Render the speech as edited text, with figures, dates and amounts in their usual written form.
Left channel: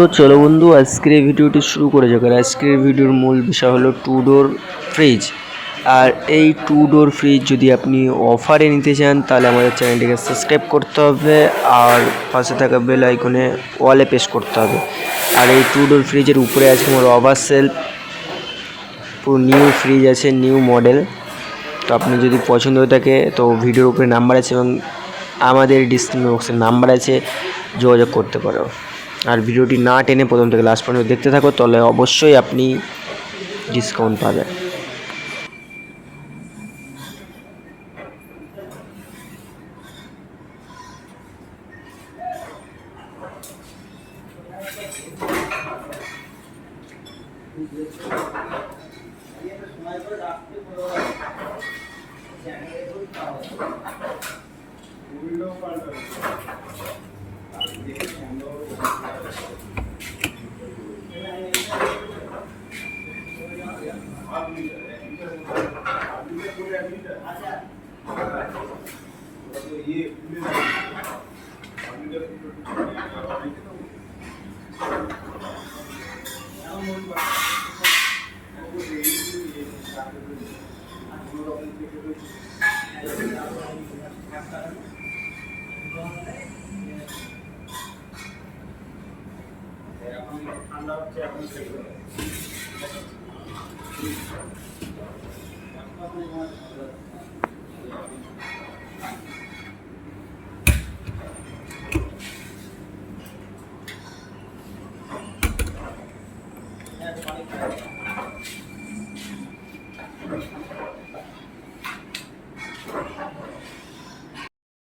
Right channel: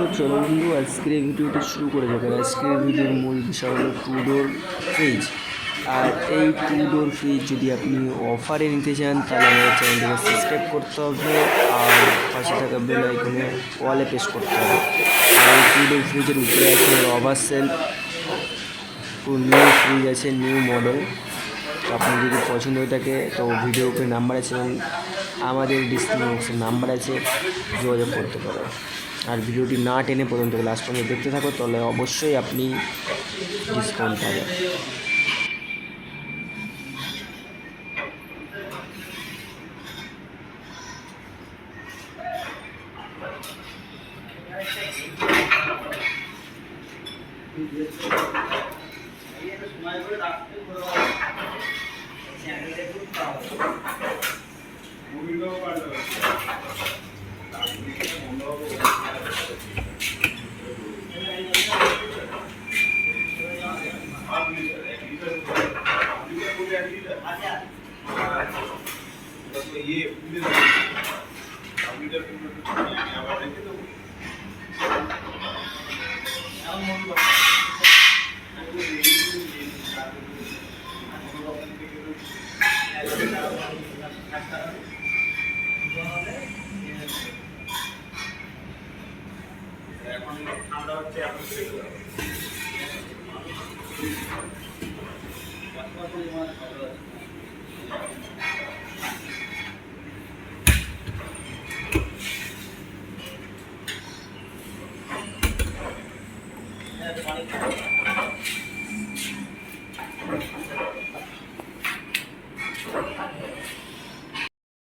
তো চলো বন্ধু, আজকের এই ভিডিওটি শুরু করে যাক। আর আজকের ভিডিওর মূল বিষয় হলো টু ডোর ফ্রিজ। আর এই টু ডোর ফ্রিজ যদি আপনি অফারে নিতে চান তাহলে আমাদের চ্যানেলটিকে সাবস্ক্রাইব করতে হবে আর পাশে থাকা বেল আইকনে ওয়ালে প্রেস করতে হবে। আর এই টু ডোর ফ্রিজের উপরে আছে আমার ওভার সেলফ, পুরো নিউ ফ্রিজ আছে, নিউ মডেল। তো আপনি যদি পছন্দ হয়ে থাকে তো ভিডিওর উপরে নাম্বার আছে এবং আমাদের ডিসক্রিপশন বক্সের নাম্বার আছে, যোগাযোগ করতে পারো। আর ভিডিওটি না টেনে প্রথম থেকে লাস্ট পর্যন্ত দেখতে থাকো, তাহলে অবশ্যই আপনি ডিসকাউন্ট পাবেন।